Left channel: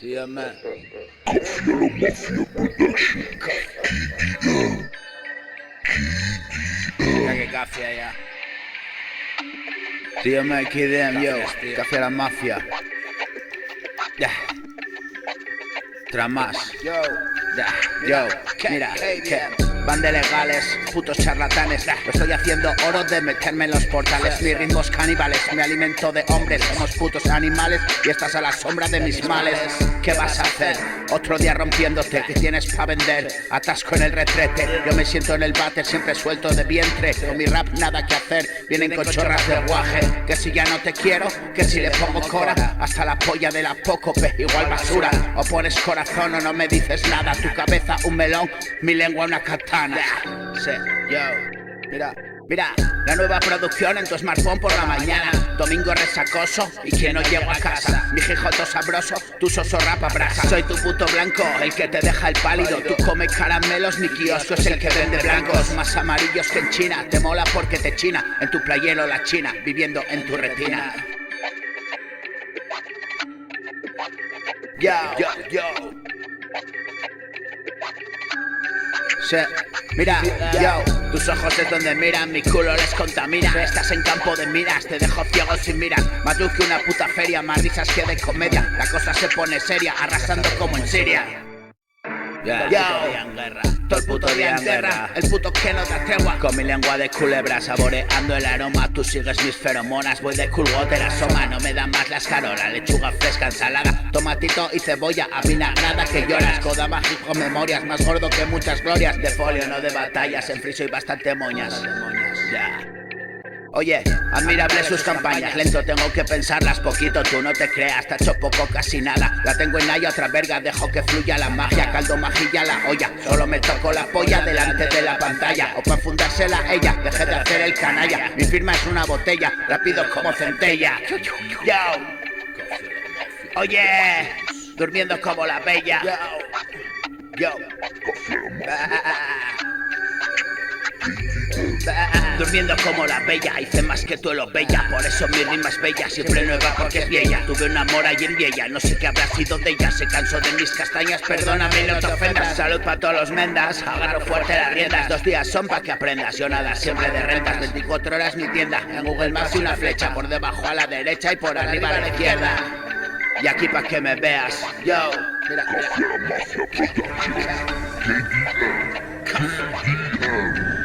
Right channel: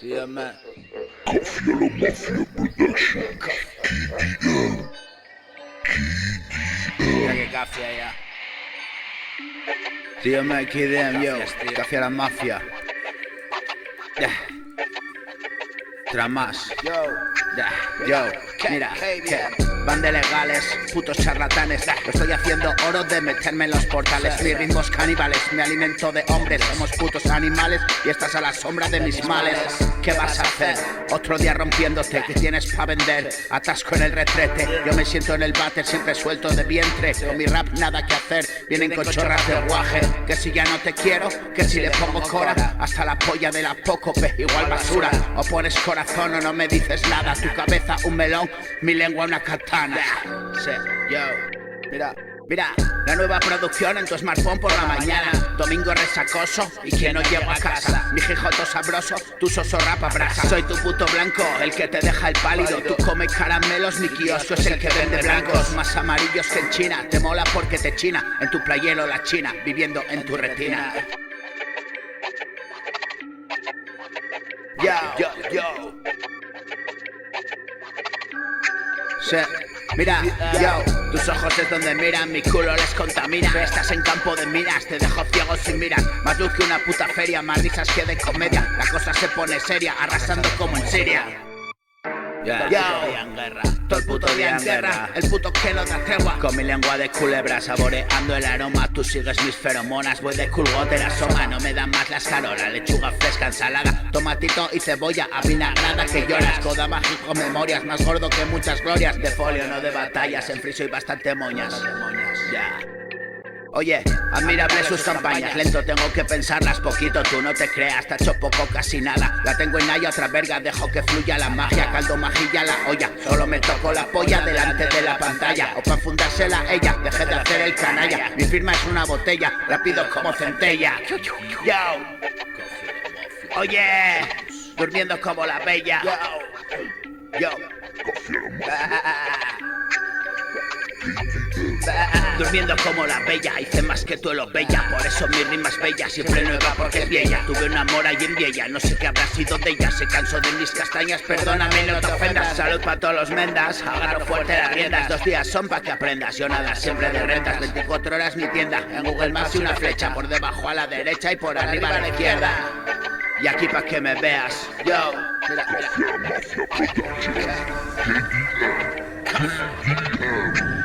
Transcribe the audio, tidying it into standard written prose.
Sí, hombre. Mira que café ya. Tío, me KDM, yo, Gracias, tío. café a la mafia. Tramas. Yo, Yo, mira, que van de legales, putos charlatanes. Lo estoy haciendo oro de meterme en los portales. Mis ritmos caníbales, me alimento de hombres. Somos putos animales y estás a la sombra de mis males. ¿Qué vas a hacer? Otro día rompiéndote, ¿qué tienes pa' vender? Atasco en el retrete, yo me siento en el váter siempre suelto de vientre. Con mi rap nada que hacer, vienen con chorras de guaje. Que si ya no te quiero, que si le pongo cora. Hasta la polla de la Pócope, igual basura. O pones corazón o no me dices nada. Tu cabeza un melón, mi lengua una katana. Sí, yo. Mira, la nueva producción en tu smartphone por la mañana. Domingo resacoso y que no llego a casa. Mi jijoto sabroso, tu soso rapa brasa. Soy tu puto blanco, el que te deja el pálido. Tú come caramelos, mi kiosco es el que vende blancos. Más amarillos que en China, te mola porque te china. En tu playero la china, viviendo en tu retina. Yo. Sí. Mira, yo, tus ojos es donde miran, mi culo les contamina. Estás en campo de minas, te dejo ciego sin mirar. Más luz que una puta feria, más risas que de comedia. La cosa se pone seria, arrasando como en Siria. Todo el puto día en guerra. Todo el puto día en guerra, el puto que no da tregua. Con mi lengua de culebra saboreando el aroma. Tú sigues mis feromonas, voy de culgote la soma. No me dan más la escarola, lechuga fresca, ensalada, tomatito y cebolla avinagrada. Que lloras, coda mágico, memorias. Más gordo que muchas glorias. De folio, no de batallas, en friso y bastante moñas. Ya. Oye, admirable sus campañas, lento tengo que pensarlas poquito, tú no te creas, te hecho poco, casi nada. La tengo en haya, otra verga, dejo que fluya la magia, caldo majilla la olla. Solo me toco la polla delante de la pantalla, o para fundársela ella, dejé de hacer el canalla. Mi firma es una botella, rápido como centella. Yo, oye, durmiendo como la bella. Yo. Durmiendo como la bella, hice más que tú lo bella. Por eso mi rima es bella, siempre nueva porque es vieja. Tuve un amor allí en Viella, no sé qué habrá sido de ella. Se cansó de mis castañas, perdóname, no te ofendas. Salud para todos los mendas, agarro fuerte las riendas. 2 días son pa' que aprendas, yo nada siempre de rentas. 24 horas mi tienda, en Google Maps y una flecha. Por debajo a la derecha y por arriba a la izquierda. Y aquí pa' que me veas, yo. Mira. KDM.